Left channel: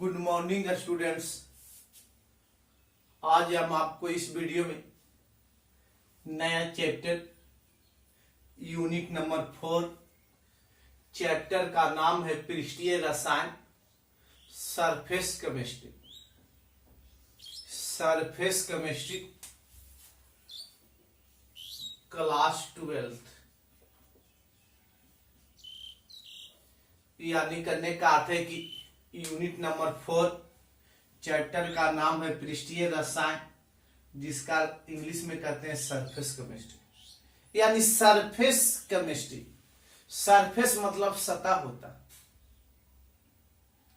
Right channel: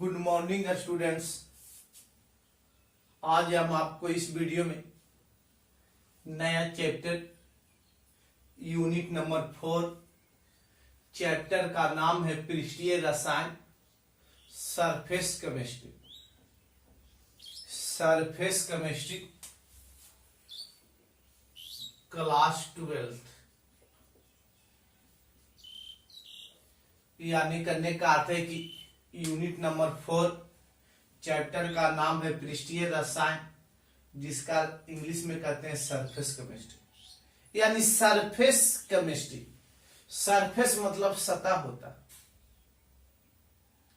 Good morning students. आज हम आपको इस वीडियो में नया चैप्टर यूनिट नंबर 4 चैप्टर का नाम है पृष्ठीय रसायन surface chemistry. Surface chemistry class 12 यानी करने का अर्थ है कि यूनिट नंबर 4 चैप्टर का नाम है पृष्ठीय रसायन, जिसका इंग्लिश में कहते हैं सरफेस केमिस्ट्री। यानी सरफेस केमिस्ट्री, सरफेस मतलब सतह होता है।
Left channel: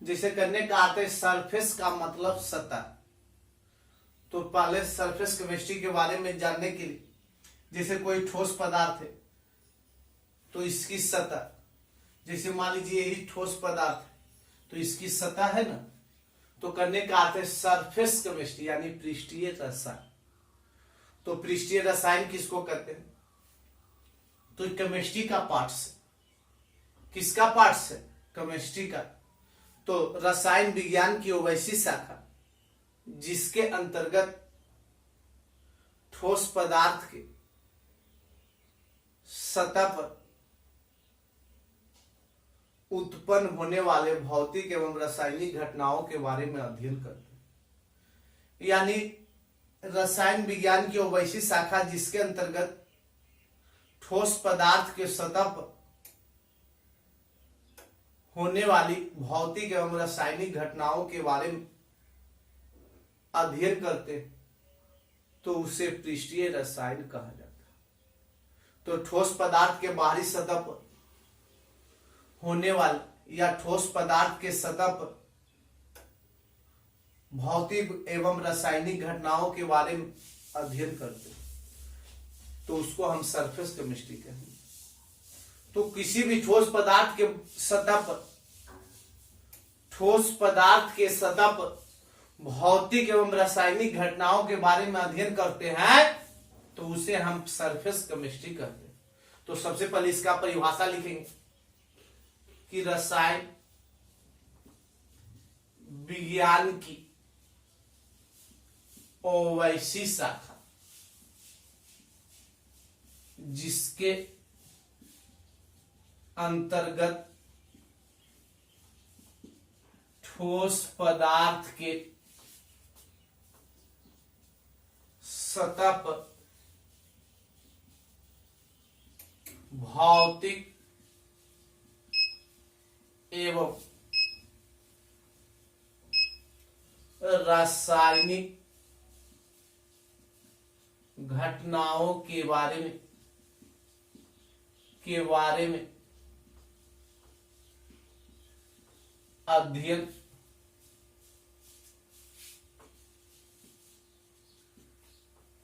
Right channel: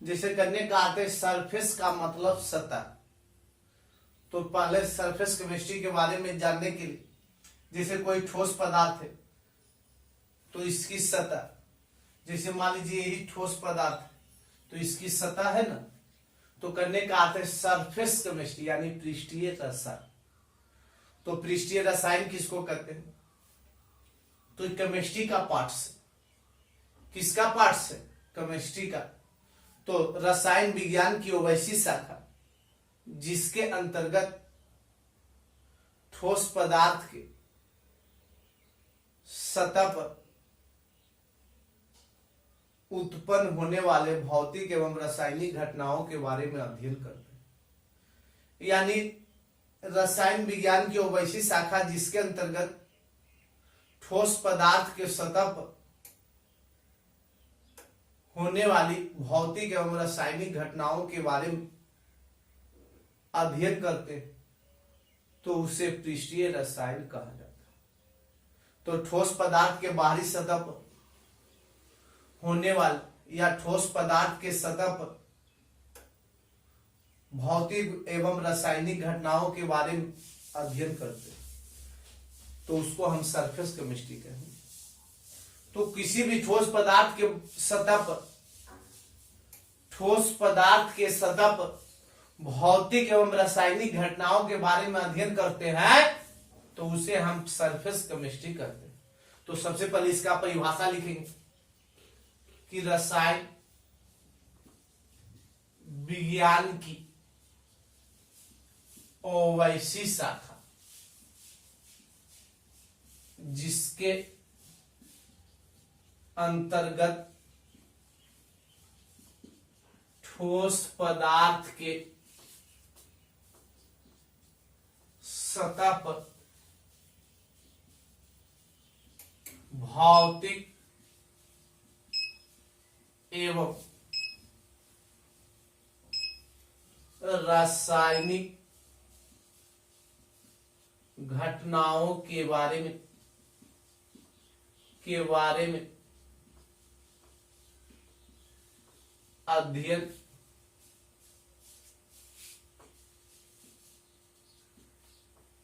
जैसे करने का अर्थ है सरफेस का मतलब सतह। तो पहले सरफेस केमिस्ट्री के बारे में जानने के लिए, जैसे कोई ठोस पदार्थ है तो इसकी सतह, जैसे मान लीजिए यही ठोस पदार्थ है तो इसकी सतह है ना, तो करने का अर्थ है सरफेस केमिस्ट्री यानी पृष्ठीय रसायन। तो पृष्ठीय रसायन किसको कहते हैं? तो केमिस्ट्री का पार्ट से। किसका पार्ट से? केमिस्ट्री का। तो रसायन विज्ञान की वो वैसी शाखा जिसके अंतर्गत ठोस पदार्थ के सतह पर उत्पन्न होने वाले भौतिक एवं रासायनिक घटनाओं के बारे में अध्ययन करते हैं। यानी रसायन विज्ञान की वो वैसी शाखा जिसके अंतर्गत ठोस पदार्थ के सतह पर होने वाली भौतिक एवं रासायनिक घटनाओं के बारे में अध्ययन करते हैं, तो उसे पृष्ठीय रसायन कहा जाता है। तो ठोस पदार्थ के बाहरी सतह पर होने वाले या ठोस पदार्थ के सतह पर भौतिक एवं रासायनिक घटनाओं के बारे में अध्ययन करते हैं, तो उसको हम सरफेस केमिस्ट्री कहेंगे। तो किसी भी ठोस पदार्थ के सतह पर, ठोस पदार्थ के सतह पर भौतिक एवं रासायनिक घटनाओं के बारे में अध्ययन करते हैं, तो उसे हम सरफेस केमिस्ट्री कहते हैं। तो सबसे पहले इसका परिभाषा लिखेंगे कि रसायन विज्ञान की वैसी शाखा जिसके अंतर्गत ठोस पदार्थ के सतह पर भौतिक एवं रासायनिक घटनाओं के बारे में अध्ययन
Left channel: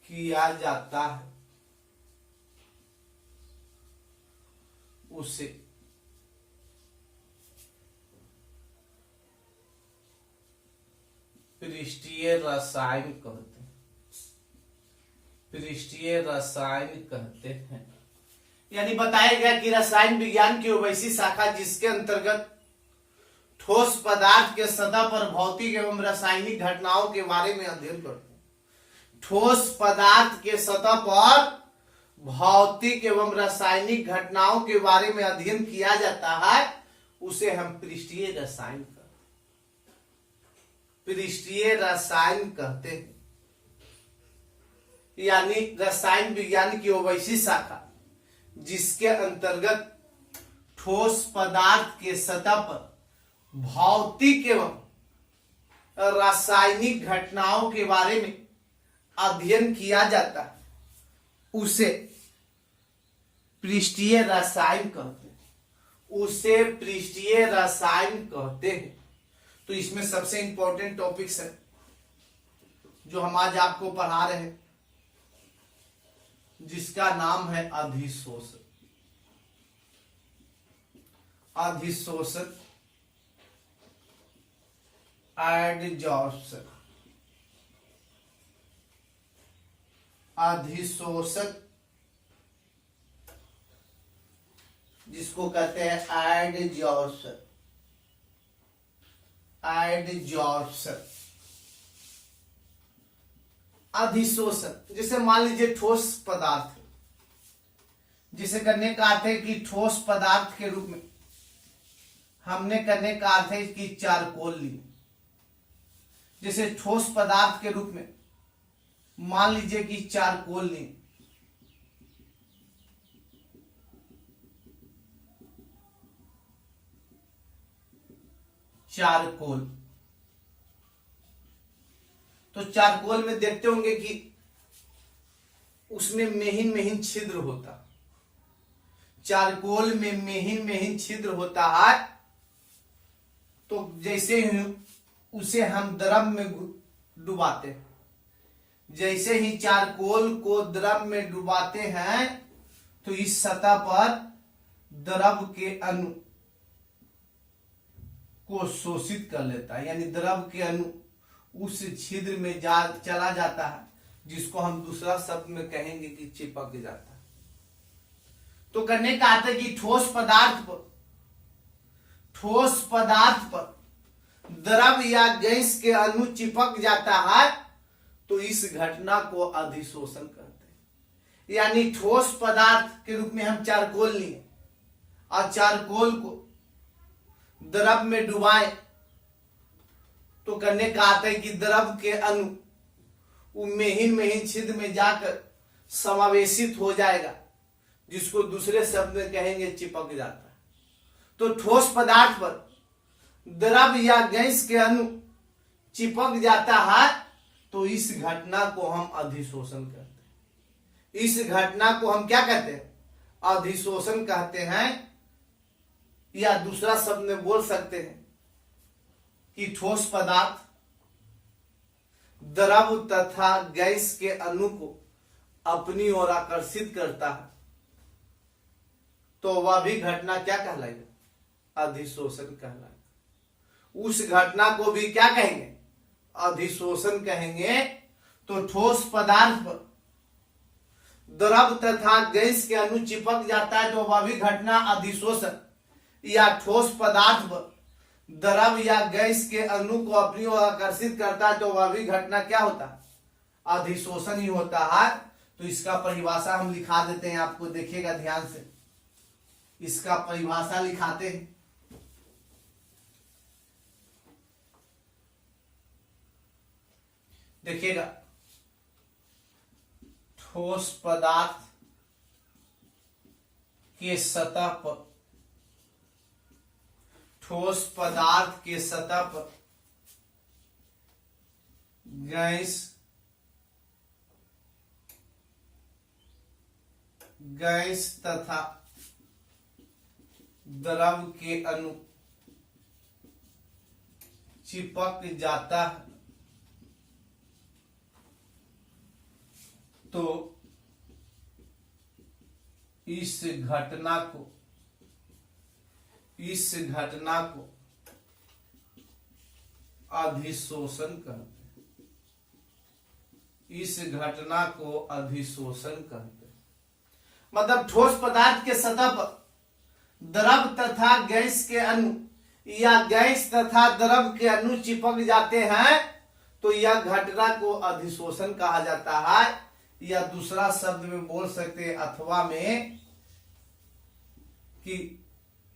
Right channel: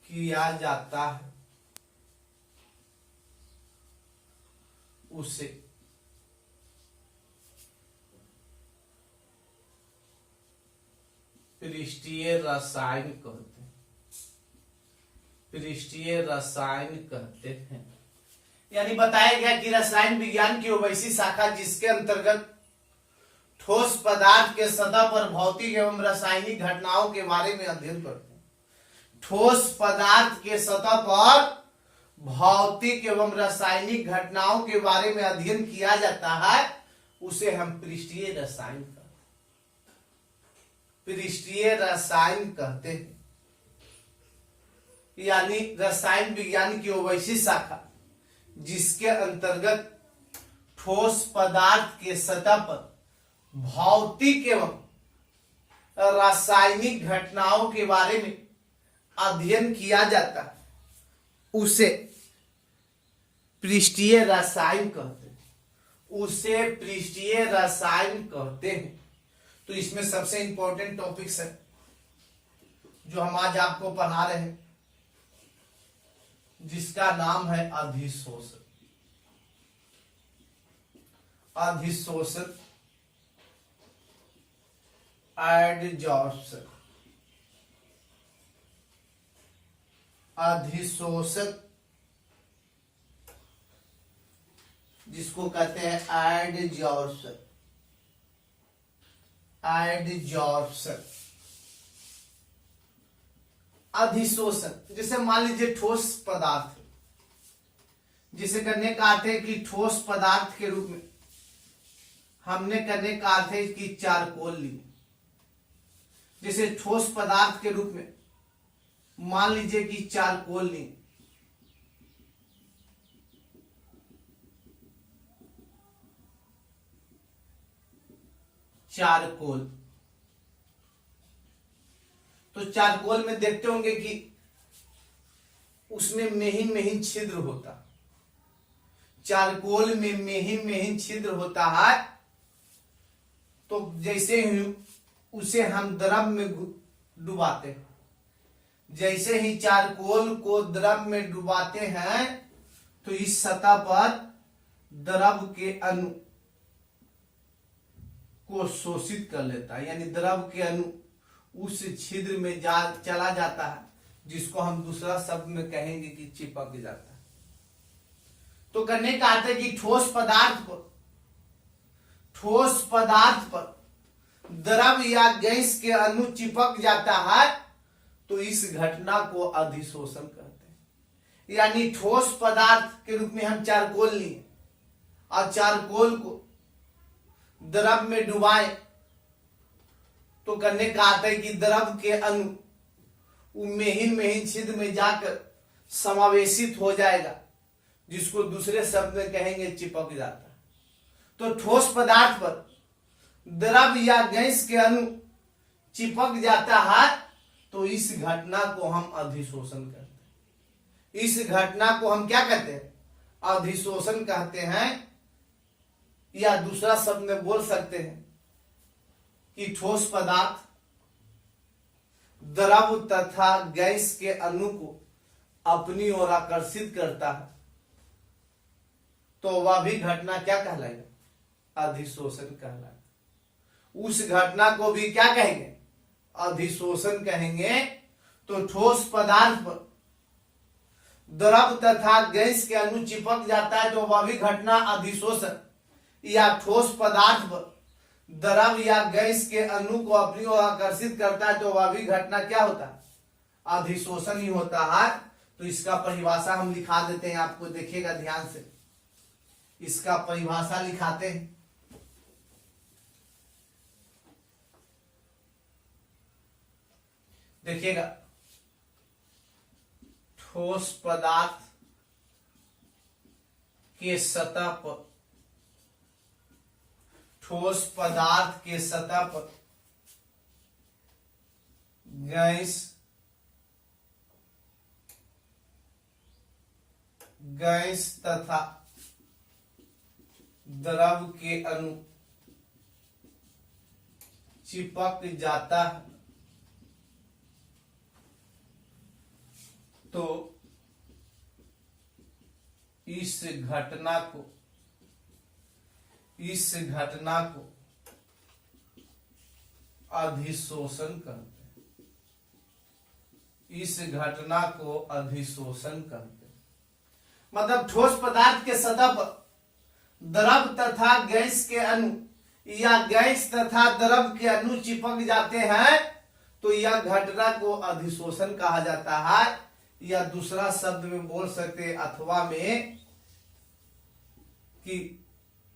किया जाता है, उसे पृष्ठीय रसायन कहते हैं। पृष्ठीय रसायन कहते हैं। यानी बताया गया कि रसायन विज्ञान की वो वैसी शाखा जिसके अंतर्गत ठोस पदार्थ के सतह पर भौतिक एवं रासायनिक घटनाओं के बारे में अध्ययन करते हैं। ठोस पदार्थ के सतह पर भौतिक एवं रासायनिक घटनाओं के बारे में अध्ययन किया जाता है, उसे हम पृष्ठीय रसायन पृष्ठीय रसायन कहते हैं। यानी रसायन विज्ञान की वो वैसी शाखा जिसके अंतर्गत ठोस पदार्थ के सतह पर भौतिक एवं रासायनिक घटनाओं के बारे में अध्ययन किया जाता है, उसे पृष्ठीय रसायन कहते हैं। उसे पृष्ठीय रसायन कहते हैं। तो इसमें सबसे इंपॉर्टेंट टॉपिक्स है जो हम आज आपको पढ़ा रहे हैं, जिसका नाम है अधिशोषण। अधिशोषण, एडजॉर्प्शन। अधिशोषण जिसको कहते हैं एडजॉर्प्शन। एडजॉर्प्शन, अधिशोषण। जैसे मान लीजिए ठोस पदार्थ, जिसे करने का अर्थ है कि ठोस पदार्थ के रूप में, हमने करने का अर्थ है कि चारकोल ली। जैसे ठोस पदार्थ के रूप में मान लीजिए कि चारकोल ली, चारकोल। तो चारकोल में देखते होंगे कि उसमें महीन महीन छिद्र होता, चारकोल में महीन महीन छिद्र होता है। तो जैसे ही उसे हम द्रव में डुबाते हैं, जैसे ही चारकोल को द्रव में डुबाते हैं तो इस सतह पर द्रव के अणु को शोषित कर लेता है, यानी द्रव के अणु उस छिद्र में चला जाता है, जिसको हम दूसरा शब्द में कहेंगे कि चिपक जाता है। तो करने का अर्थ है कि ठोस पदार्थ पर द्रव या गैस के अणु चिपक जाता है, तो इस घटना को अधिशोषण कहते हैं। यानी ठोस पदार्थ के रूप में हम चारकोल लिए और चारकोल को द्रव में डुबाए, तो करने का अर्थ है कि द्रव के अणु महीन महीन छिद्र में जाकर समावेशित हो जाएगा, जिसको दूसरे शब्द में कहेंगे चिपक जाता है। तो ठोस पदार्थ पर द्रव या गैस के अणु चिपक जाता है, तो इस घटना को हम अधिशोषण कहते हैं। इस घटना को हम क्या कहते हैं? अधिशोषण कहते हैं। या दूसरा शब्द में बोल सकते हैं कि ठोस पदार्थ द्रव तथा गैस के अणु को अपनी ओर आकर्षित करता है, तो वह भी घटना क्या कहलाएगा? अधिशोषण कहलाएगा। उस घटना को भी क्या कहेंगे? अधिशोषण कहेंगे। तो ठोस पदार्थ पर द्रव तथा गैस के अणु चिपक जाता है, तो वह भी घटना अधिशोषण। या ठोस पदार्थ पर द्रव या गैस के अणु को अपनी ओर आकर्षित करता है, तो वह भी घटना क्या होता है? अधिशोषण ही होता है। तो इसका परिभाषा हम लिखा देते हैं, आपको देखिएगा ध्यान से। इसका परिभाषा लिखाते हैं। देखिएगा, ठोस पदार्थ के सतह पर, ठोस पदार्थ के सतह पर गैस तथा द्रव के अणु चिपक जाता है, तो इस घटना को अधिशोषण कहते हैं। इस घटना को अधिशोषण कहते हैं। मतलब ठोस पदार्थ के सतह पर द्रव तथा गैस के अणु या गैस तथा द्रव के अणु चिपक जाते हैं, तो यह घटना को अधिशोषण कहा जाता है। या दूसरा शब्द में बोल सकते हैं अथवा में कि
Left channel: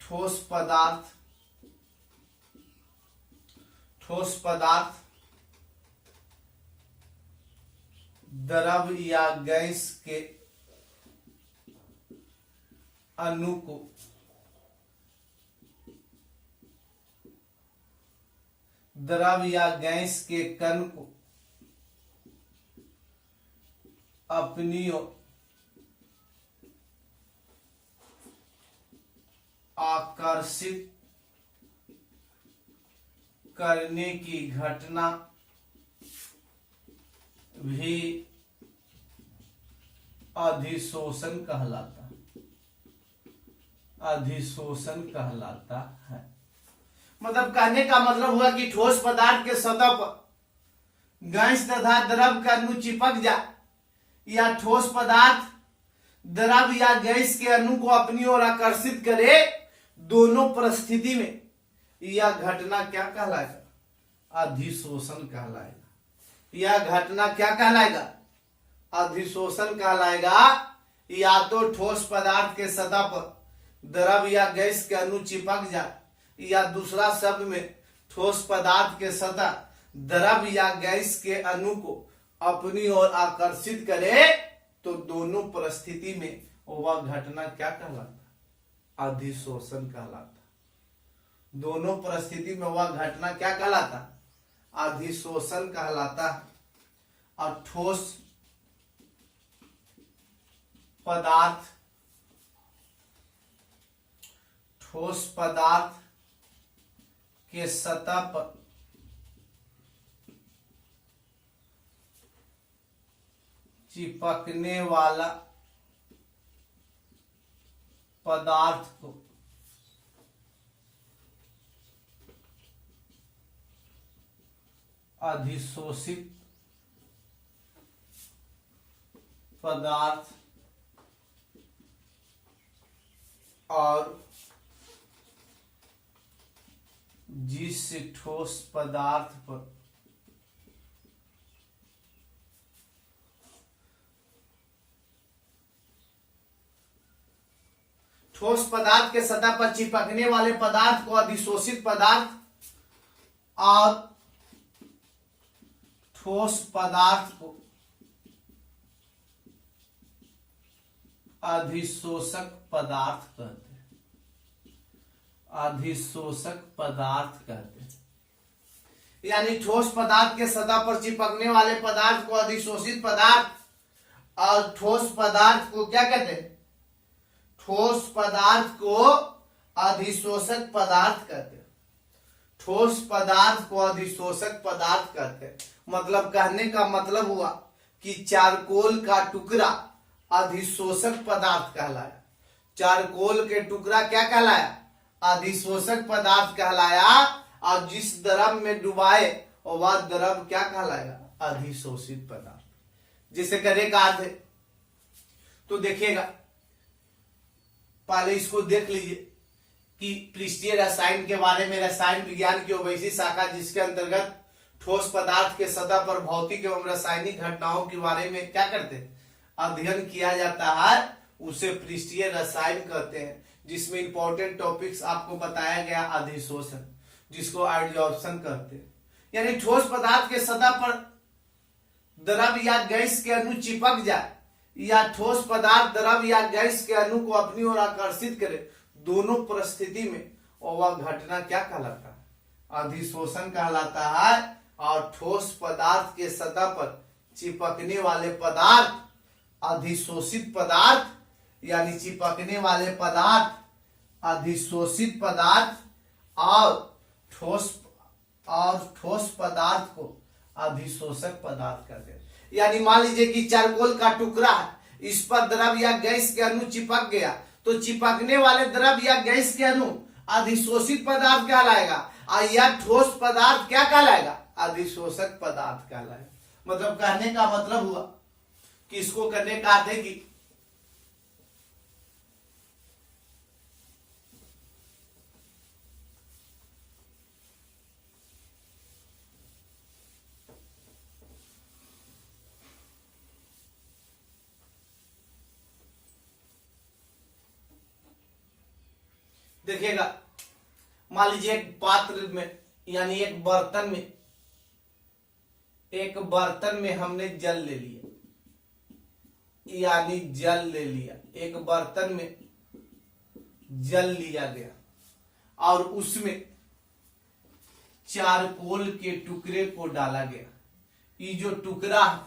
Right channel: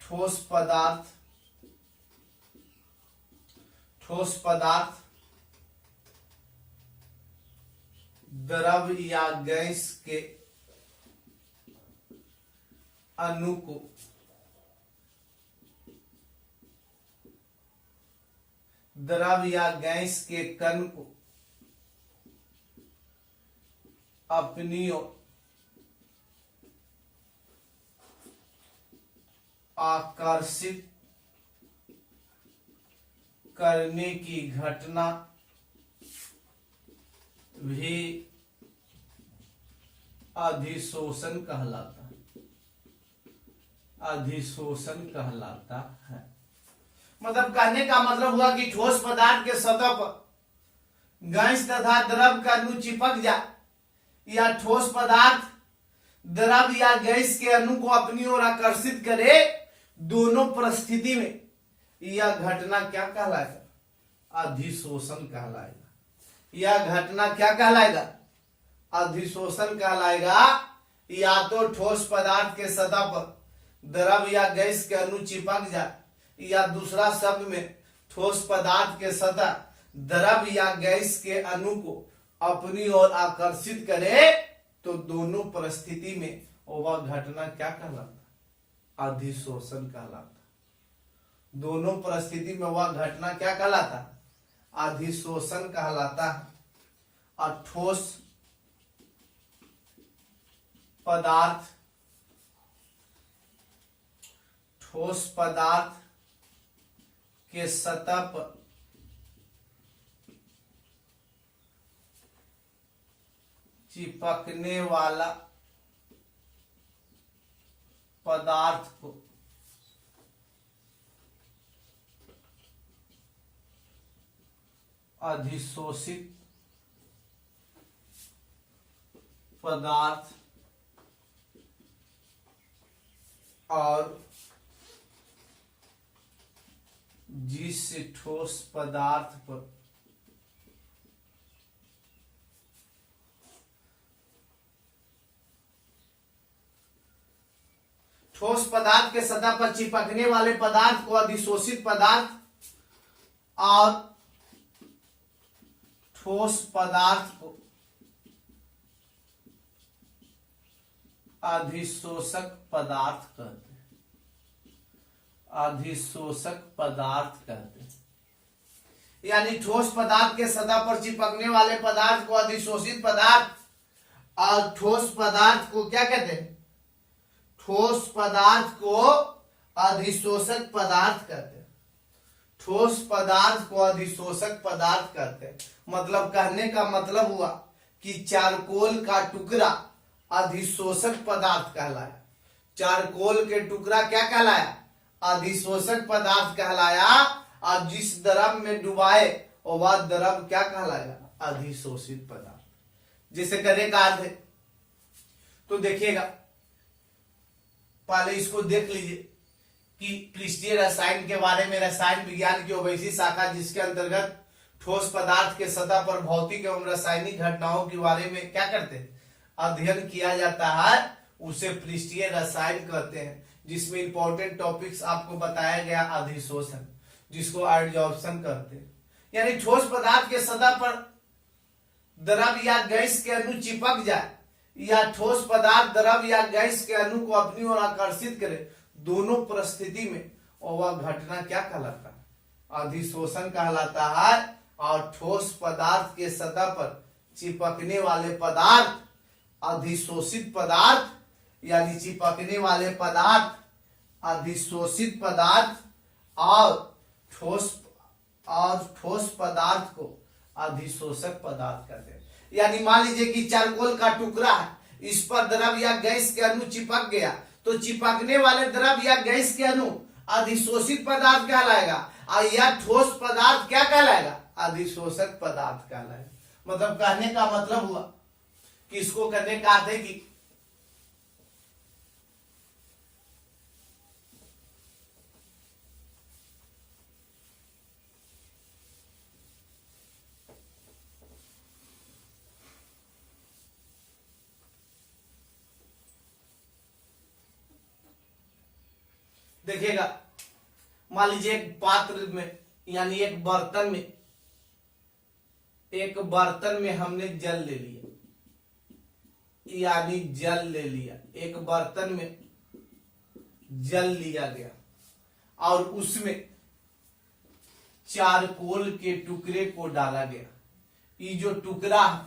ठोस पदार्थ द्रव या गैस के अणु को द्रव या गैस के कण को अपनी आकर्षित करने की घटना भी अधिशोषण कहलाता है। अधिशोषण कहलाता है। मतलब कहने का मतलब हुआ कि ठोस पदार्थ के सतह पर गैस तथा द्रव का अणु चिपक जाए, या ठोस पदार्थ द्रव या गैस के अणु को अपनी ओर आकर्षित करे, दोनों परिस्थिति में यह घटना क्या कहलाएगा? अधिशोषण कहलाएगा। यह घटना क्या कहलाएगा? अधिशोषण कहलाएगा। या तो ठोस पदार्थ के सतह पर द्रव या गैस के अणु चिपक जाए, या दूसरा शब्द में ठोस पदार्थ के सतह द्रव या गैस के अणु को अपनी ओर आकर्षित करे, तो दोनों परिस्थिति में वह घटना क्या कहलाता? अधिशोषण कहलाता। दोनों परिस्थिति में वह घटना क्या कहलाता? अधिशोषण कहलाता है। और ठोस पदार्थ के सतह पर चिपकने वाला पदार्थ को अधिशोषित पदार्थ और जिस ठोस पदार्थ पर ठोस पदार्थ के सतह पर चिपकने वाले पदार्थ को अधिशोषित पदार्थ और ठोस पदार्थ को अधिशोषक पदार्थ कहते हैं। अधिशोषक पदार्थ कहते हैं। यानी ठोस पदार्थ के सतह पर चिपकने वाले पदार्थ को अधिशोषित पदार्थ और ठोस पदार्थ को क्या कहते हैं? ठोस पदार्थ को अधिशोषक पदार्थ कहते हैं। ठोस पदार्थ को अधिशोषक पदार्थ कहते हैं। मतलब कहने का मतलब हुआ कि चारकोल का टुकड़ा अधिशोषक पदार्थ कहलाया। चारकोल के टुकड़ा क्या कहलाया? अधिशोषक पदार्थ कहलाया। और जिस द्रव में डुबाए वह द्रव क्या कहलाएगा? अधिशोषित पदार्थ। जिसे करे का अर्थ है, तो देखिएगा, पहले इसको देख लीजिए कि पृष्ठीय रसायन के बारे में रसायन विज्ञान की वैसी शाखा जिसके अंतर्गत ठोस पदार्थ के सतह पर भौतिक एवं रासायनिक घटनाओं के बारे में क्या करते हैं? अध्ययन किया जाता है, उसे पृष्ठीय रसायन कहते हैं। जिसमें इंपॉर्टेंट टॉपिक्स आपको बताया गया अधिशोषण, जिसको एडजॉर्प्शन कहते हैं। यानी ठोस पदार्थ के सतह पर द्रव या गैस के अणु चिपक जाए, या ठोस पदार्थ द्रव या गैस के अणु को अपनी ओर आकर्षित करे, दोनों परिस्थिति में वह घटना क्या कहलाता है? अधिशोषण कहलाता है। और ठोस पदार्थ के सतह पर चिपकने वाले पदार्थ अधिशोषित पदार्थ, यानी चिपकने वाले पदार्थ अधिशोषित पदार्थ और ठोस पदार्थ को अधिशोषक पदार्थ कहते हैं। यानी मान लीजिए कि चारकोल का टुकड़ा है, इस पर द्रव या गैस के अणु चिपक गया, तो चिपकने वाले द्रव या गैस के अणु अधिशोषित पदार्थ कहलाएगा, और यह ठोस पदार्थ क्या कहलाएगा? अधिशोषक पदार्थ कहलाएगा। मतलब कहने का मतलब हुआ कि इसको करने का अर्थ है कि देखिएगा, मान लीजिए एक पात्र में यानी एक बर्तन में हमने जल ले लिया, यानी जल ले लिया। एक बर्तन में जल लिया गया और उसमें चारकोल के टुकड़े को डाला गया। ये जो टुकड़ा है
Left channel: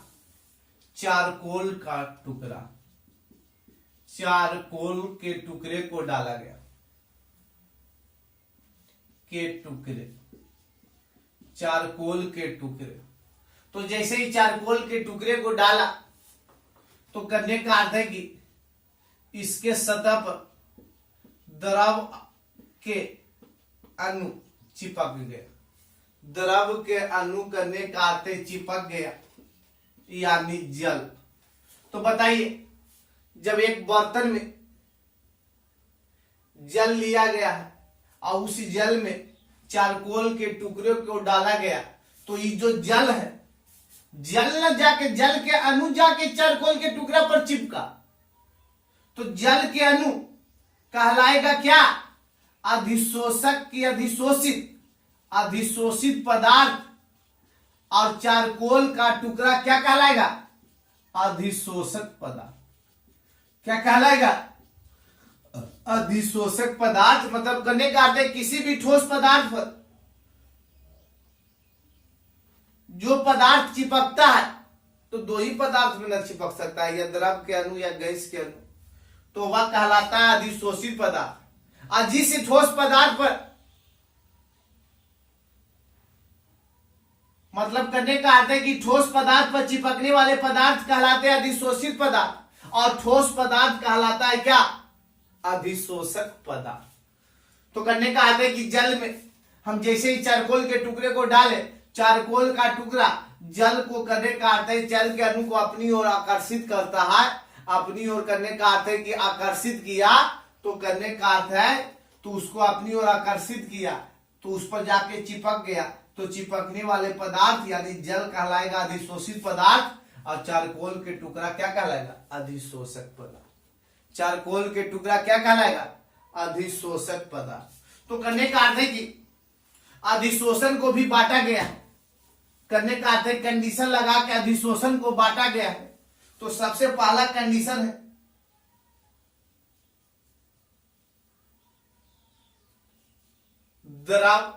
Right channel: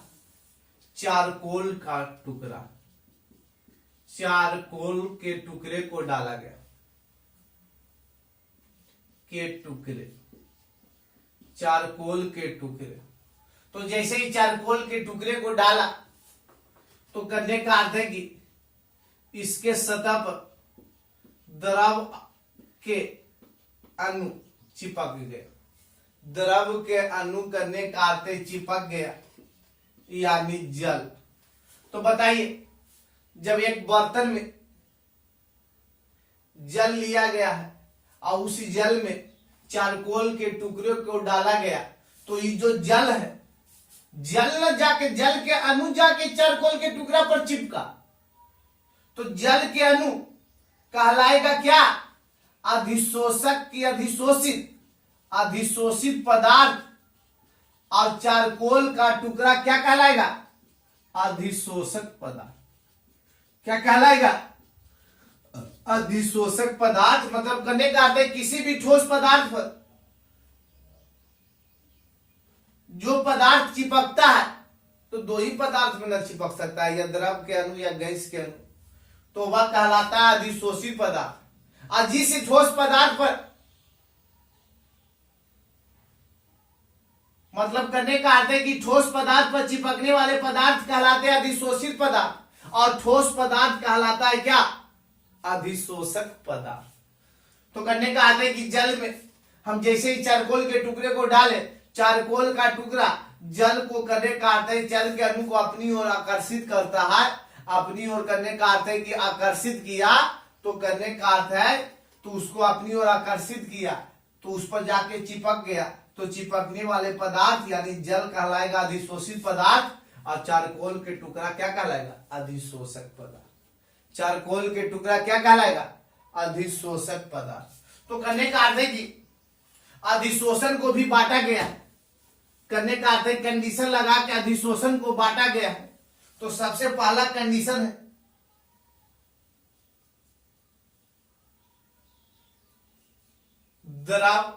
चारकोल का टुकड़ा, चारकोल के टुकड़े को डाला गया, के टुकड़े, चारकोल के टुकड़े। तो जैसे ही चारकोल के टुकड़े को डाला, तो करने का अर्थ है कि इसके सतह पर द्रव के अणु चिपक गया। द्रव के अणु करने का अर्थ है चिपक गया, यानी जल। तो बताइए, जब एक बर्तन में जल लिया गया है और उसी जल में चारकोल के टुकड़े को डाला गया, तो ये जो जल है, जल न जाके, जल के अणु जाके चारकोल के टुकड़ा पर चिपका, तो जल के अणु कहलाएगा क्या? अधिशोषक की अधिशोषित, अधिशोषित पदार्थ। और चारकोल का टुकड़ा क्या कहलाएगा? अधिशोषक पदार्थ। क्या कहलाएगा? अधिशोषक पदार्थ। मतलब करने का अर्थ है किसी भी ठोस पदार्थ पर जो पदार्थ चिपकता है, तो दो ही पदार्थ में न चिपक सकता है, या द्रव के अणु या गैस के अणु, तो वह कहलाता है अधिशोषित पदार्थ। और जिस ठोस पदार्थ पर, मतलब करने का अर्थ है कि ठोस पदार्थ पर चिपकने वाले पदार्थ कहलाते हैं अधिशोषित पदार्थ, और ठोस पदार्थ कहलाता है क्या? अधिशोषक पदार्थ। तो करने का अर्थ है कि जल में हम जैसे ही चारकोल के टुकड़े को डाले, चारकोल का टुकड़ा जल को करने का अर्थ है जल के अणु को अपनी ओर आकर्षित करता है। अपनी ओर करने का अर्थ है कि आकर्षित किया, तो करने का अर्थ है तो उसको अपनी ओर आकर्षित किया, तो उस पर जाके चिपक गया, तो चिपकने वाले पदार्थ यानी जल कहलाएगा अधिशोषित पदार्थ, और चारकोल के टुकड़ा क्या कहलाएगा? अधिशोषक पदार्थ। चारकोल के टुकड़ा क्या कहलाएगा? अधिशोषक पदार्थ। तो करने का अर्थ है कि अधिशोषण को भी बांटा गया है। करने का अर्थ है कंडीशन लगा के अधिशोषण को बांटा गया है। तो सबसे पहला कंडीशन है द्रव,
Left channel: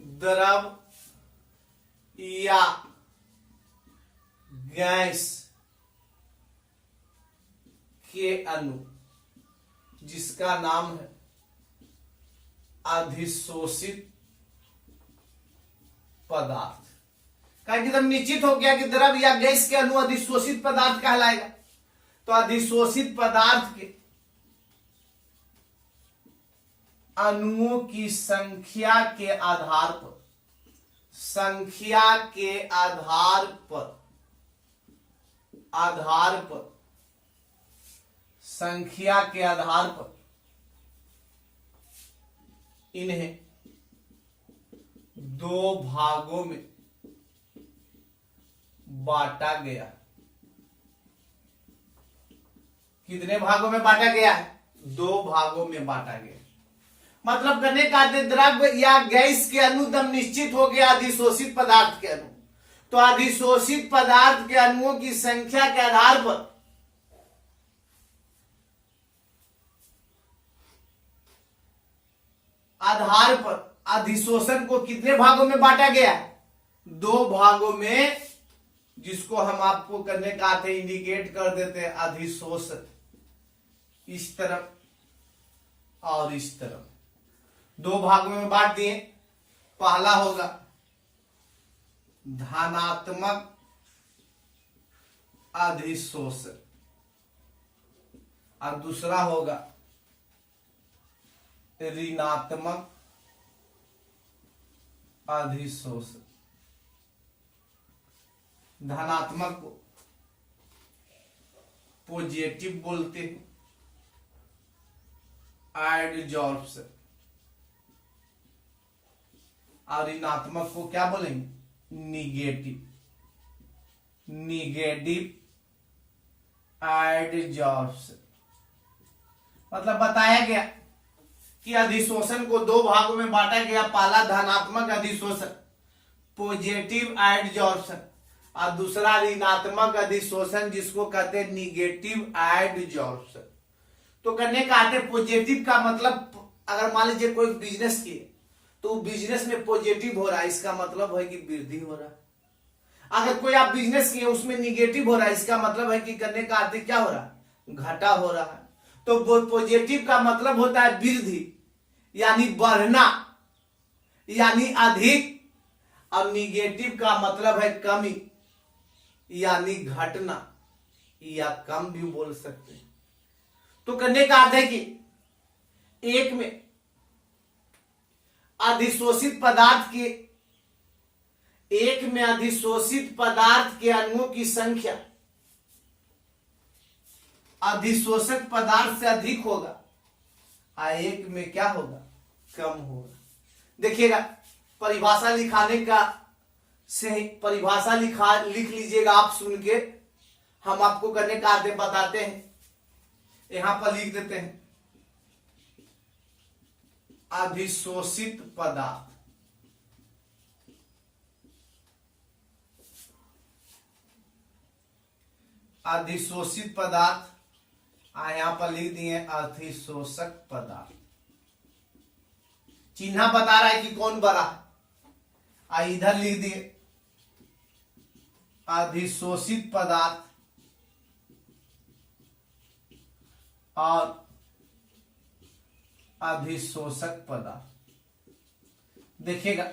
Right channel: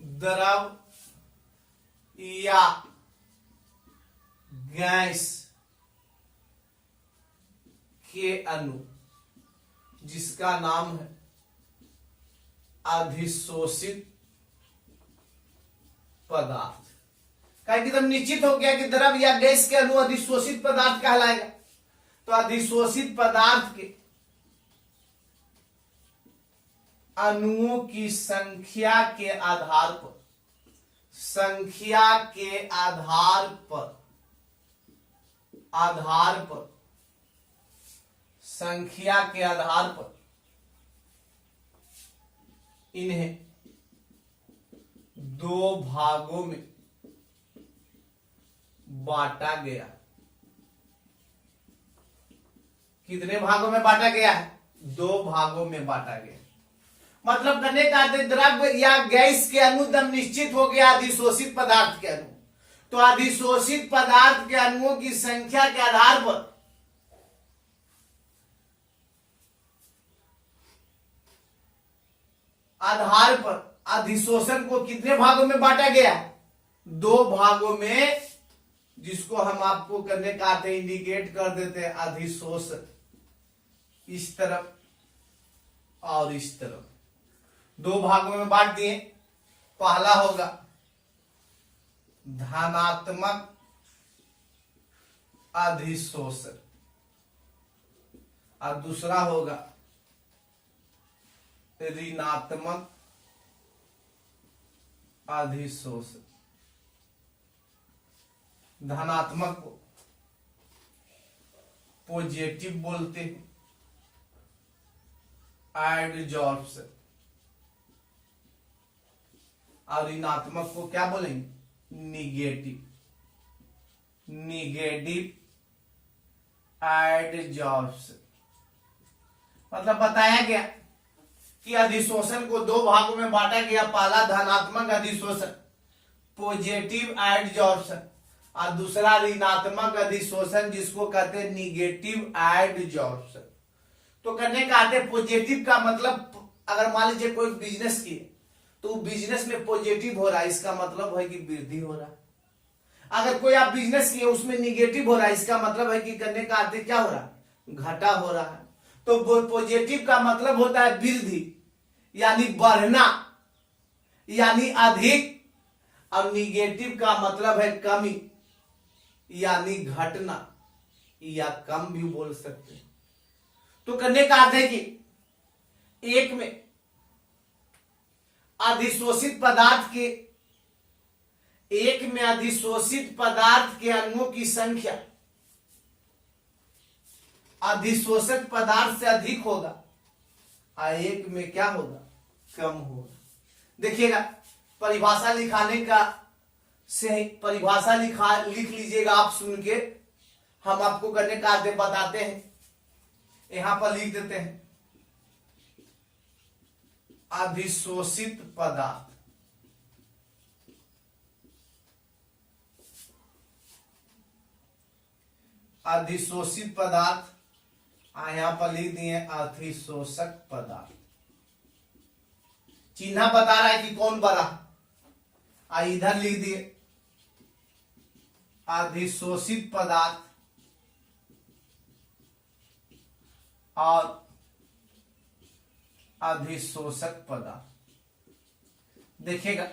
द्रव या गैस के अणु जिसका नाम है अधिशोषित पदार्थ। कहीं एकदम निश्चित हो गया कि द्रव या गैस के अणु अधिशोषित पदार्थ कहलाएगा। तो अधिशोषित पदार्थ के अणुओं की संख्या के आधार पर, संख्या के आधार पर, आधार पर, संख्या के आधार पर इन्हें दो भागों में बांटा गया। कितने भागों में बांटा गया है? दो भागों में बांटा गया। मतलब करने का अर्थ द्रव या गैस के अणु दम निश्चित हो गया अधिशोषित पदार्थ के अणु। तो अधिशोषित पदार्थ के अणुओं की संख्या के आधार पर अधिशोषण को कितने भागों में बांटा गया है? दो भागों में, जिसको हम आपको करने का अर्थ इंडिकेट कर देते हैं अधिशोषण। इस तरफ और इस तरफ दो भागों में बांट दिए। पहला होगा धनात्मक अधिशोषण और दूसरा होगा ऋणात्मक अधिशोषण। धनात्मक को पॉजिटिव बोलते हैं, एडजॉर्प्शन, और ऋणात्मक को क्या बोलेंगे? Negative, negative adsorption. मतलब बताया गया कि अधिशोषण को दो भागों में बांटा गया। पहला धनात्मक अधिशोषण, पॉजिटिव एडजॉर्प्शन, और दूसरा ऋणात्मक अधिशोषण जिसको कहते हैं निगेटिव एडजॉर्प्शन। तो करने का आते पॉजिटिव का मतलब, अगर मान लीजिए कोई बिजनेस किए तो बिजनेस में पॉजिटिव हो रहा है, इसका मतलब है कि वृद्धि हो रहा है। अगर कोई आप बिजनेस किए उसमें निगेटिव हो रहा है, इसका मतलब है कि करने का अर्थ क्या हो रहा है? घाटा हो रहा है। तो पॉजिटिव का मतलब होता है वृद्धि यानी बढ़ना यानी अधिक, और निगेटिव का मतलब है कमी यानी घटना या कम भी बोल सकते हैं। तो करने का अर्थ है कि एक में अधिशोषित पदार्थ के, एक में अधिशोषित पदार्थ के अणुओं की संख्या अधिशोषक पदार्थ से अधिक होगा और एक में क्या होगा? कम होगा। देखिएगा परिभाषा लिखाने का से परिभाषा लिख लीजिएगा आप सुन के, हम आपको करने का आदेश बताते हैं। यहां पर लिख देते हैं अधिशोषित पदार्थ। अधिशोषित पदार्थ यहां पर लिख दिए अधिशोषक पदार्थ। चिन्ह बता रहा है कि कौन बड़ा, इधर लिख दिए अधिशोषित पदार्थ और अधिशोषक पदार्थ। देखिएगा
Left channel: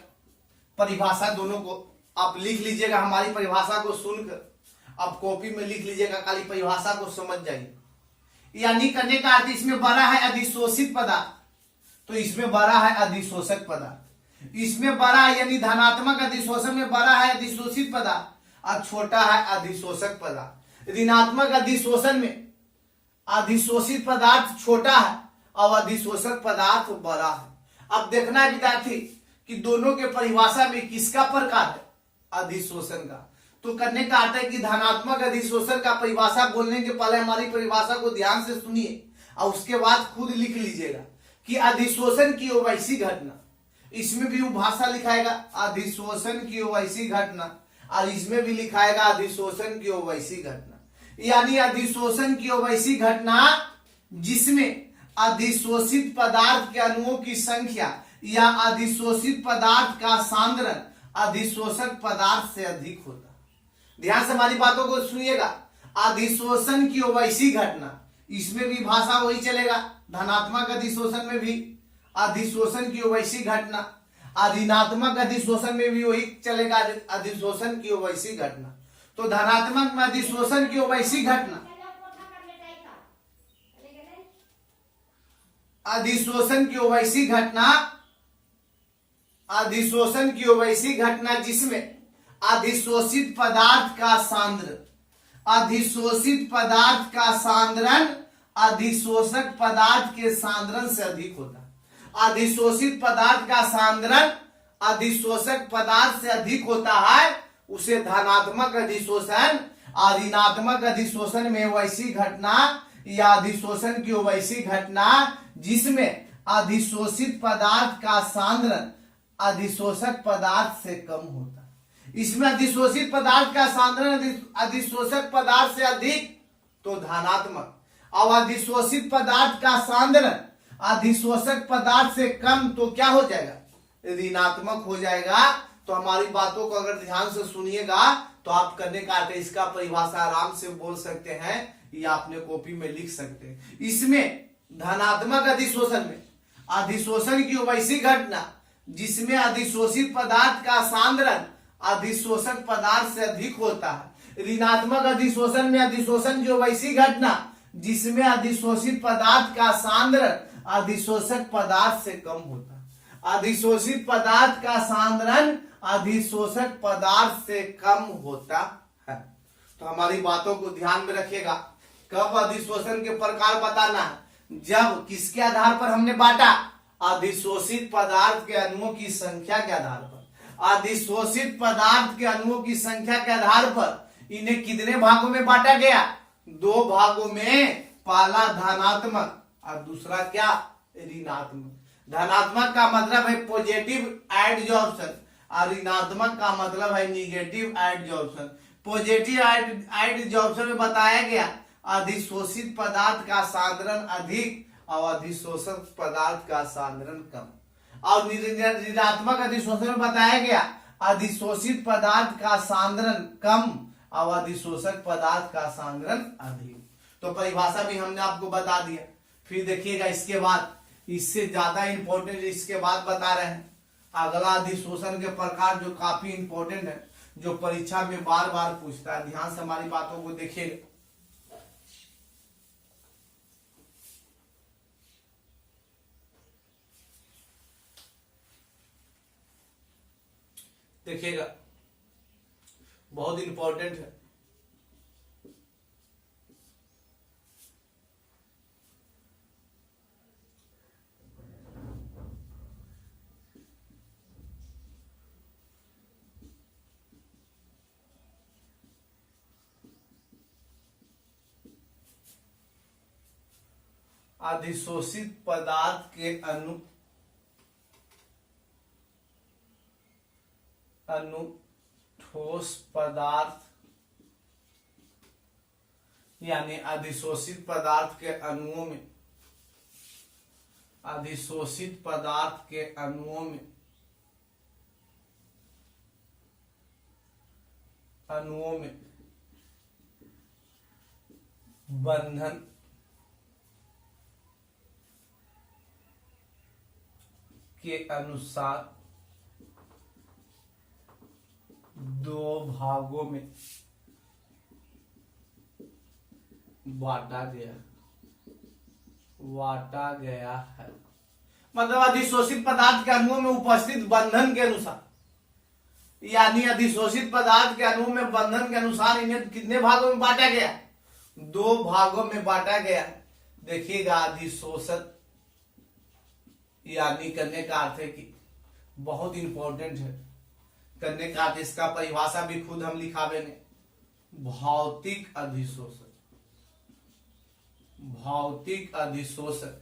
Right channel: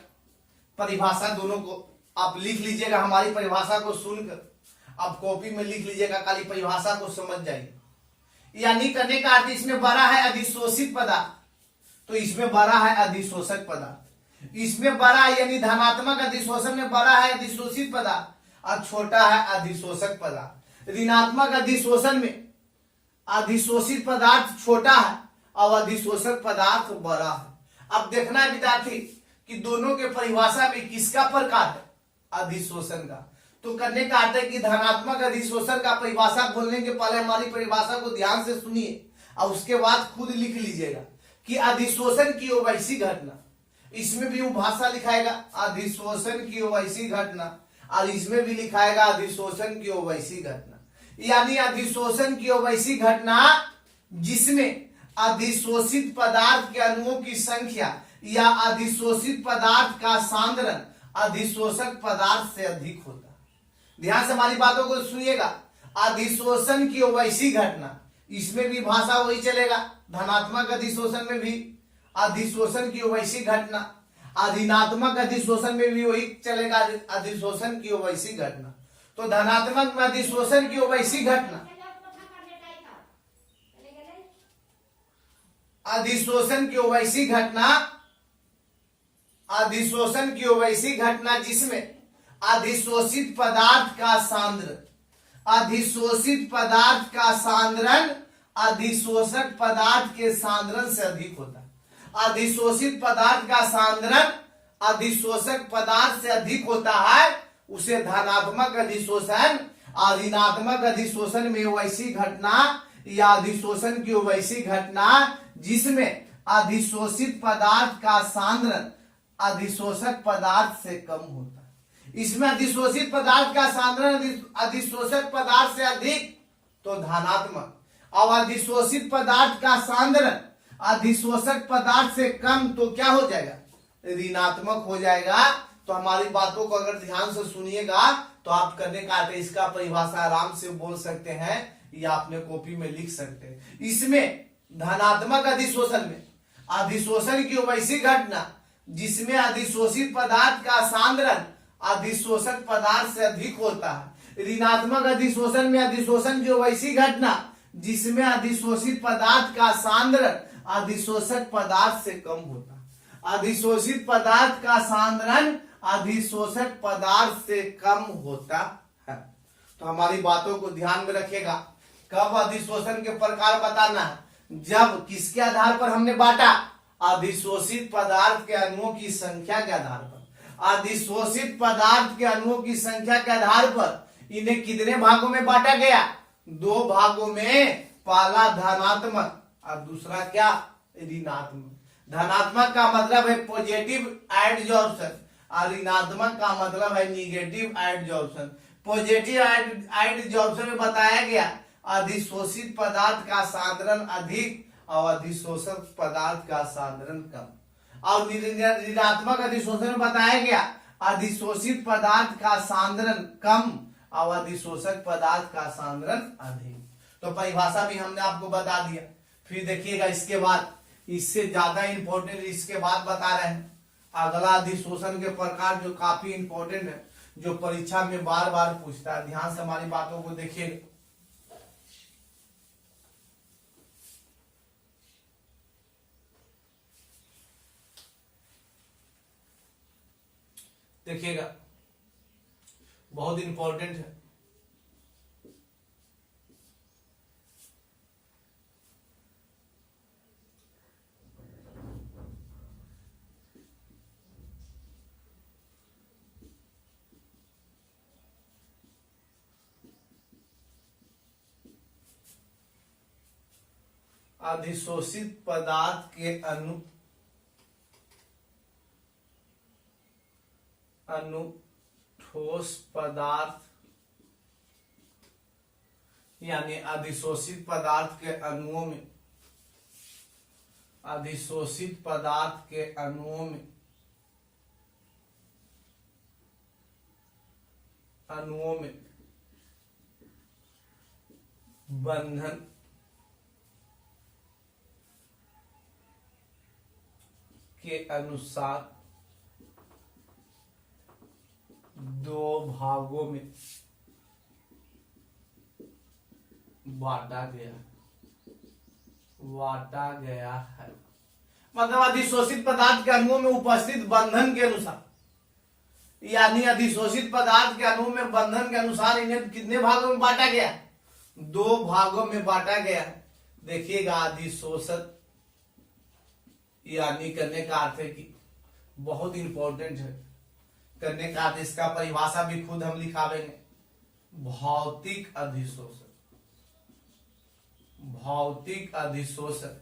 परिभाषा दोनों को आप लिख लीजिएगा, हमारी परिभाषा को सुनकर आप कॉपी में लिख लीजिएगा, खाली परिभाषा को समझ जाइए। यानी करने का अर्थ इसमें बड़ा है अधिशोषित पदार्थ, तो इसमें बड़ा है अधिशोषक पदार्थ। इसमें बड़ा है यानी धनात्मक अधिशोषण में बड़ा है अधिशोषित पदार्थ और छोटा है अधिशोषक पदार्थ। ऋणात्मक अधिशोषण में अधिशोषित पदार्थ छोटा है और अधिशोषक पदार्थ बड़ा है। अब देखना है विद्यार्थी कि दोनों के परिभाषा में किसका प्रकार है, अधिशोषण का। तो करने का अर्थ है कि धनात्मक अधिशोषण का परिभाषा बोलने के पहले हमारी परिभाषा को ध्यान से सुनिए और उसके बाद खुद लिख लीजिएगा कि अधिशोषण की वैसी घटना, इसमें भी वो भाषा लिखाएगा अधिशोषण की वैसी घटना और इसमें भी लिखाएगा अधिशोषण की वैसी घटना। यानी अधिशोषण की वैसी घटना जिसमें अधिशोषित पदार्थ के अणुओं की संख्या या अधिशोषित पदार्थ का सांद्रण अधिशोषक पदार्थ से अधिक होता है। ध्यान से हमारी बातों को सुनिएगा। अधिशोषण की वैसी घटना, इसमें भी भाषा वही चलेगा, धनात्मक अधिशोषण में भी अधिशोषण की वैसी घटना, ऋणात्मक अधिशोषण में भी वही चलेगा अधिशोषण की वैसी घटना। तो धनात्मक में अधिशोषण की वैसी घटना, अधिशोषण की वैसी घटना, अधिशोषण की वैसी घटना जिसमें अधिशोषित पदार्थ का सांद्रण, अधिशोषित पदार्थ का सांद्रण अधिशोषक पदार्थ के सांद्रण से अधिक होता है। अधिशोषित पदार्थ का सांद्रण अधिशोषक पदार्थ से अधिक होता है, उसे धनात्मक अधिशोषण और ऋणात्मक अधिशोषण में वैसी घटना या अधिशोषण की वैसी घटना जिसमें अधिशोषित पदार्थ का सांद्रण अधिशोषक पदार्थ से कम होता है। इसमें अधिशोषित पदार्थ का सांद्रण अधिशोषक पदार्थ से अधिक तो धनात्मक, और अधिशोषित पदार्थ का सांद्रण अधिशोषक पदार्थ से कम तो क्या हो जाएगा, ऋणात्मक हो जाएगा। तो हमारी बातों को अगर ध्यान से सुनिएगा तो आप करने का इसका परिभाषा आराम से बोल सकते हैं या अपने कॉपी में लिख सकते हैं। इसमें धनात्मक अधिशोषण में अधिशोषण की वैसी घटना जिसमें अधिशोषित पदार्थ का सांद्रण अधिशोषक पदार्थ से अधिक होता है। ऋणात्मक अधिशोषण में अधिशोषण की वैसी घटना जिसमें अधिशोषित पदार्थ का सांद्रण अधिशोषक पदार्थ से कम होता है। अधिशोषित पदार्थ का सांद्रण अधिशोषक पदार्थ से कम होता है। तो हमारी बातों को ध्यान में रखिएगा। कब अधिशोषण के प्रकार बताना है, जब किसके आधार पर हमने बांटा, अधिशोषित पदार्थ के अणुओं की संख्या के आधार पर। अधिशोषित पदार्थ के अणुओं की संख्या के आधार पर इन्हें कितने भागों में बांटा गया, 2 भागों में। पहला धनात्मक और दूसरा क्या, ऋणात्मक। धनात्मक का मतलब है पॉजिटिव एडजॉर्प्शन और ऋणात्मक का मतलब है निगेटिव एडजॉर्प्शन। पॉजिटिव एडजॉर्प्शन में बताया गया अधिशोषित पदार्थ का सांद्रण अधिक और अधिशोषक पदार्थ का सांद्रण कम। और ऋणात्मक अधिशोषण में बताया गया अधिशोषित पदार्थ का सांद्रण कम और अधिशोषक पदार्थ का सांद्रण अधिक। तो परिभाषा भी हमने आपको बता दिया। फिर देखिएगा इसके बाद, इससे ज्यादा इंपॉर्टेंट इसके बाद बता रहे हैं अगला अधिशोषण के प्रकार, जो काफी इंपॉर्टेंट है, जो परीक्षा में बार बार पूछता है। ध्यान से हमारी बातों को देखिएगा। देखिएगा बहुत इंपॉर्टेंट है। अधिशोषित पदार्थ के अणु ठोस पदार्थ, यानी अधिशोषित पदार्थ के अणुओं में, अधिशोषित पदार्थ के अणुओं में बंधन के अनुसार दो भागों में बांटा गया है। मतलब अधिशोषित पदार्थ के अणुओं में उपस्थित बंधन के अनुसार, यानी अधिशोषित पदार्थ के अणुओं में बंधन के अनुसार इन्हें कितने भागों में बांटा गया है? दो भागों में बांटा गया है। देखिएगा, अधिशोषण यानी करने का अर्थ है कि बहुत इंपॉर्टेंट है, करने का अर्थ इसका परिभाषा भी खुद हम लिखावेंगे। भौतिक अधिशोषण, भौतिक अधिशोषण,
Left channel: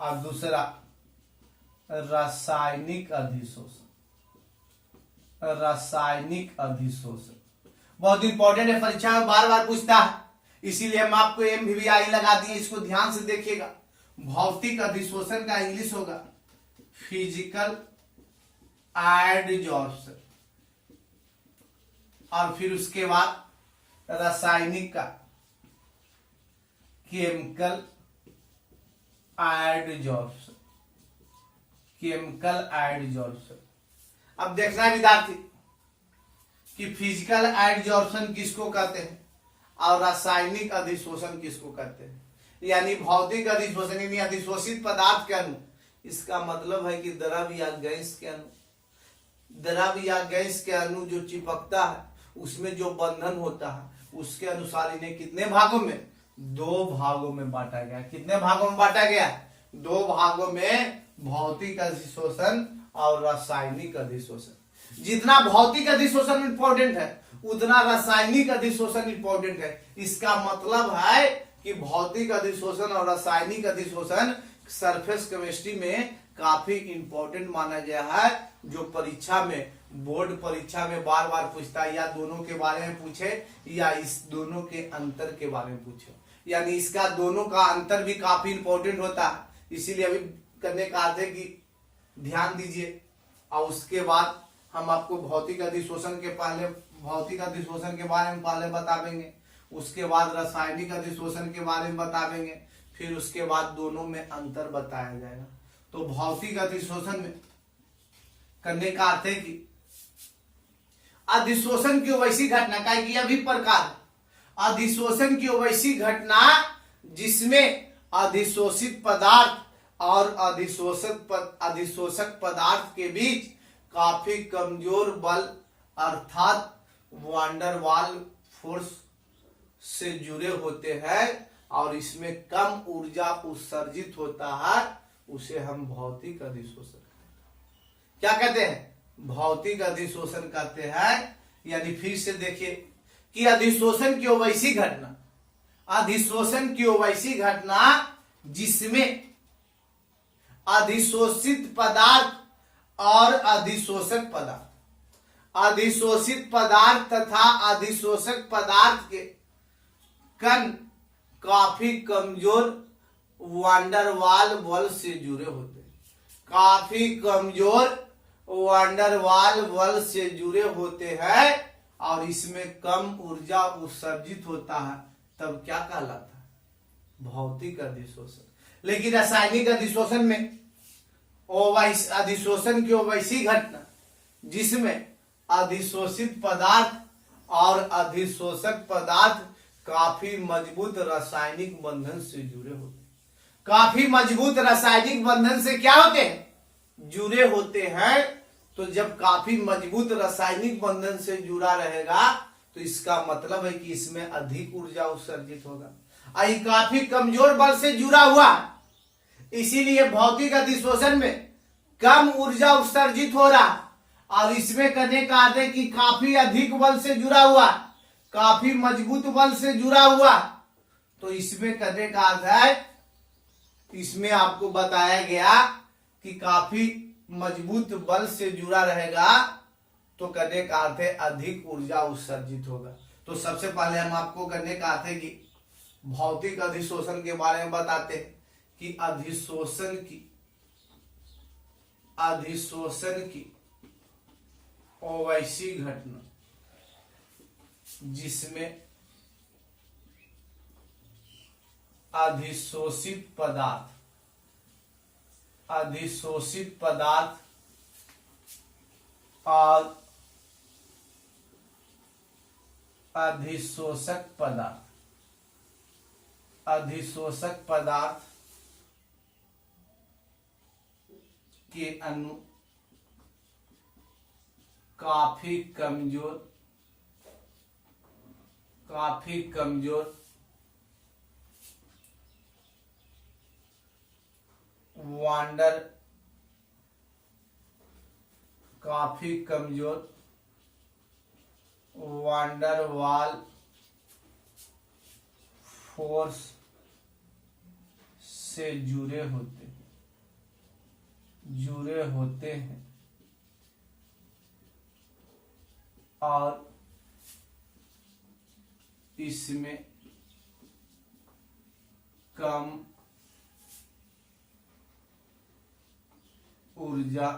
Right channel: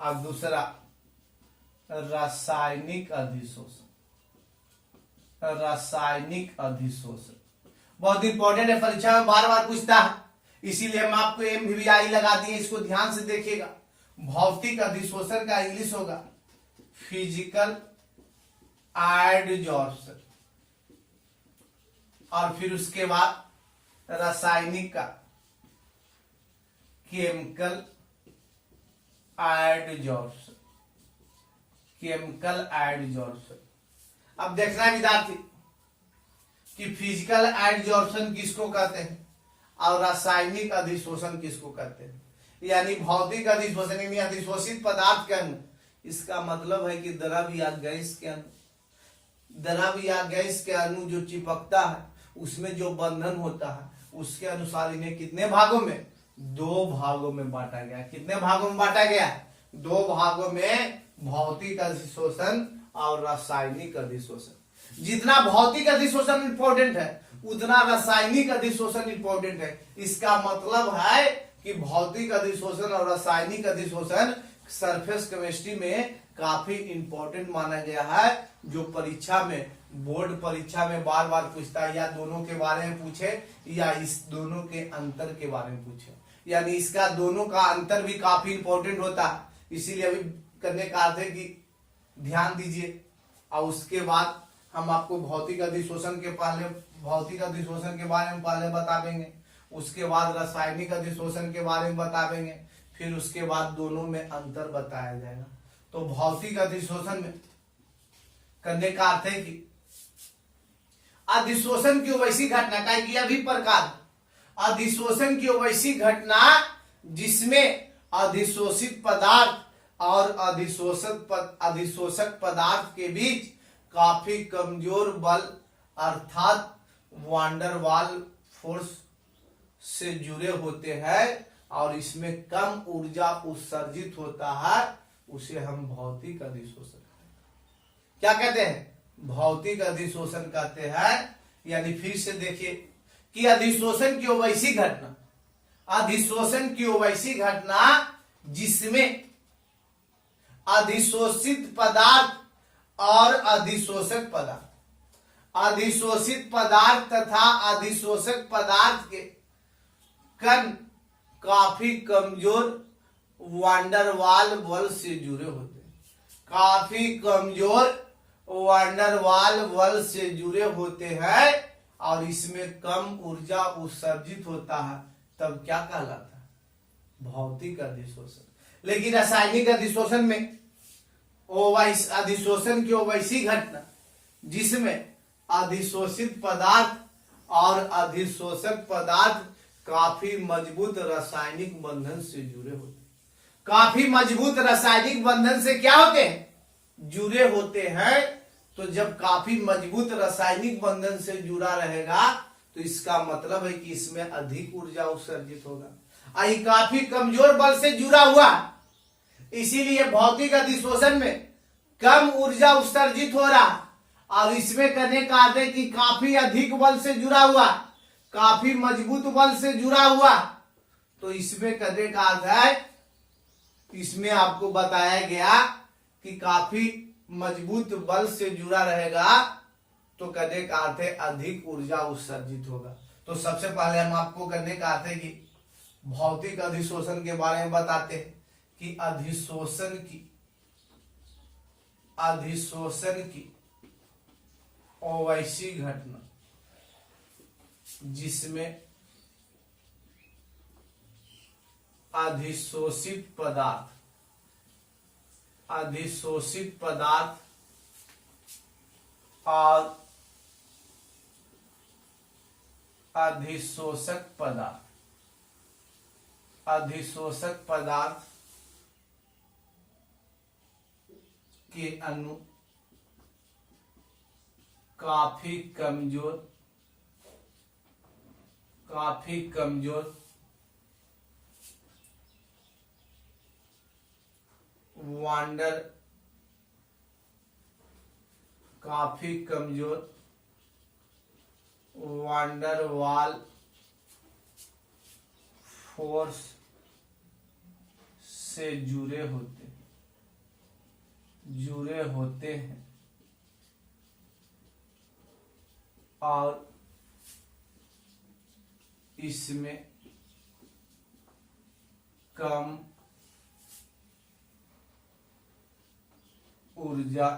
और दूसरा रासायनिक अधिशोषण, रासायनिक अधिशोषण बहुत इंपॉर्टेंट है, परीक्षा में बार बार पूछता है, इसीलिए हम आपको MVI लगा दिए, इसको ध्यान से देखिएगा। भौतिक अधिशोषण का इंग्लिश होगा फिजिकल एडजॉर्प्शन, और फिर उसके बाद रासायनिक का केमिकल एडजॉर्प्शन, केमिकल एडजॉर्प्शन। अब देखना है विद्यार्थी कि फिजिकल एडजॉर्प्शन किसको कहते हैं और रासायनिक अधिशोषण किसको कहते हैं। यानी भौतिक अधिशोषण यानी अधिशोषित पदार्थ के अणु, इसका मतलब है कि द्रव या गैस के अणु, द्रव या गैस के अणु जो चिपकता है उसमें जो बंधन होता है, उसके अनुसार इन्हें कितने भागों में? दो भागों में बांटा गया। कितने भागों में बांटा गया? दो भागों में, भौतिक अधिशोषण और रासायनिक अधिशोषण। जितना भौतिक अधिशोषण इंपॉर्टेंट है उतना रासायनिक अधिशोषण इंपॉर्टेंट है। इसका मतलब है कि भौतिक अधिशोषण और रासायनिक अधिशोषण सरफेस केमिस्ट्री में काफी इंपॉर्टेंट माना गया है, जो परीक्षा में, बोर्ड परीक्षा में बार बार पूछता है, या दोनों के बारे में पूछे या इस दोनों के अंतर के बारे में पूछे। यानी इसका दोनों का अंतर भी काफी इंपॉर्टेंट होता है, इसीलिए अभी करने का अर्थ है कि ध्यान दीजिए। और उसके बाद हम आपको भौतिक अधिशोषण के पहले, भौतिक अधिशोषण के बारे में पहले बता देंगे, उसके बाद रासायनिक अधिशोषण के बारे में बता देंगे, फिर उसके बाद दोनों में अंतर बताया जाएगा। तो भौतिक अधिशोषण में करने का अर्थ है कि अधिशोषण की वैसी घटना का अभी प्रकार, अधिशोषण की वैसी घटना जिसमें अधिशोषित पदार्थ और अधिशोषक पदार्थ के बीच काफी कमजोर बल अर्थात वांडरवाल फोर्स से जुड़े होते हैं और इसमें कम ऊर्जा उत्सर्जित होता है, उसे हम भौतिक अधिशोषण क्या कहते हैं? भौतिक अधिशोषण कहते हैं। यानी फिर से देखिए कि अधिशोषण की वैसी घटना, अधिशोषण की वैसी घटना जिसमें अधिशोषित पदार्थ और अधिशोषक पदार्थ, अधिशोषित पदार्थ तथा अधिशोषक पदार्थ के कण काफी कमजोर वांडरवाल बल से जुड़े होते हैं, काफी कमजोर वांडरवाल बल से जुड़े होते हैं और इसमें कम ऊर्जा उत्सर्जित होता है, तब क्या कहलाता है? भौतिक अधिशोषण। लेकिन रासायनिक अधिशोषण में अधिशोषण की वैसी घटना जिसमें अधिशोषित पदार्थ और अधिशोषक पदार्थ काफी मजबूत रासायनिक बंधन से जुड़े होते हैं, काफी मजबूत रासायनिक बंधन से क्या होते हैं? जुड़े होते हैं। तो जब काफी मजबूत रासायनिक बंधन से जुड़ा रहेगा तो इसका मतलब है कि इसमें अधिक ऊर्जा उत्सर्जित होगा। ये काफी कमजोर बल से जुड़ा हुआ, इसीलिए भौतिक अधिशोषण में कम ऊर्जा उत्सर्जित हो रहा, और इसमें करने का अर्थ है कि काफी अधिक बल से जुड़ा हुआ, काफी मजबूत बल से जुड़ा हुआ, तो इसमें करने का अर्थ है इसमें आपको बताया गया कि काफी मजबूत बल से जुड़ा रहेगा, तो करने का अर्थ है अधिक ऊर्जा उत्सर्जित होगा। तो सबसे पहले हम आपको करने का अर्थ है कि भौतिक अधिशोषण के बारे में बताते हैं कि अधिशोषण की वैसी घटना जिसमें अधिशोषित पदार्थ और अधिशोषक पदार्थ के अणु काफी कमजोर वांडरवाल फोर्स से जुड़े होते हैं और इसमें कम ऊर्जा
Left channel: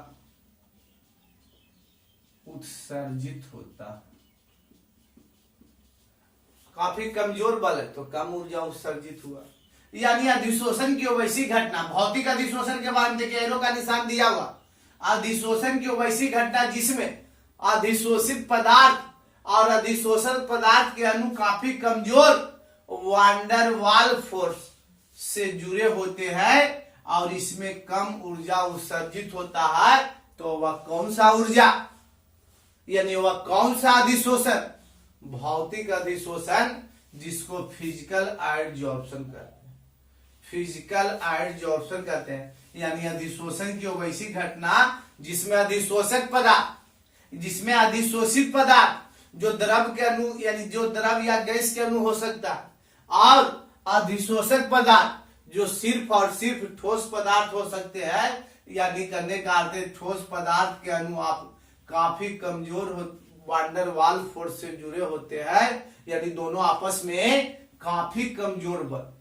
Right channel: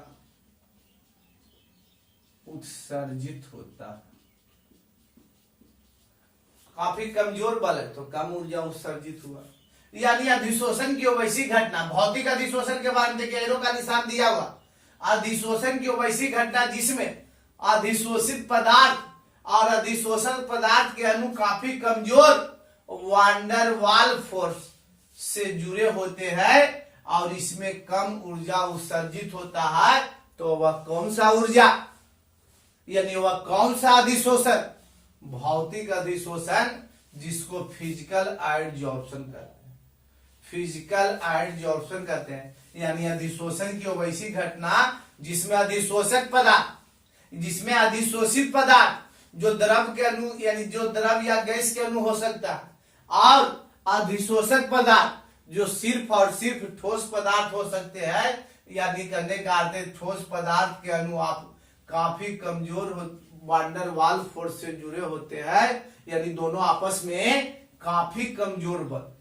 उत्सर्जित होता है। काफी कमजोर बल है तो कम ऊर्जा उत्सर्जित हुआ, यानी अधिशोषण की वैसी घटना। भौतिक अधिशोषण के बारे में देखिए, एरो का निशान दिया हुआ। अधिशोषण की वैसी घटना जिसमें अधिशोषित पदार्थ और अधिशोषण पदार्थ के अणु काफी कमजोर वांडरवाल फोर्स से जुड़े होते हैं और इसमें कम ऊर्जा उत्सर्जित होता है। तो वह कौन सा ऊर्जा, यानी वह कौन सा अधिशोषण? भौतिक अधिशोषण, जिसको फिजिकल एडजॉर्प्शन कहते हैं। यानी अधिशोषण की वैसी घटना जिसमें अधिशोषित पदार्थ जो द्रव के अणु, यानी जो द्रव या गैस के अणु हो सकता है, और अधिशोषक पदार्थ जो सिर्फ और सिर्फ ठोस पदार्थ हो सकते हैं। यानी करने का अर्थ है ठोस पदार्थ के अणु आप काफी कमजोर वांडरवाल फोर्स से जुड़े होते हैं, यानी दोनों आपस में काफी कमजोर बल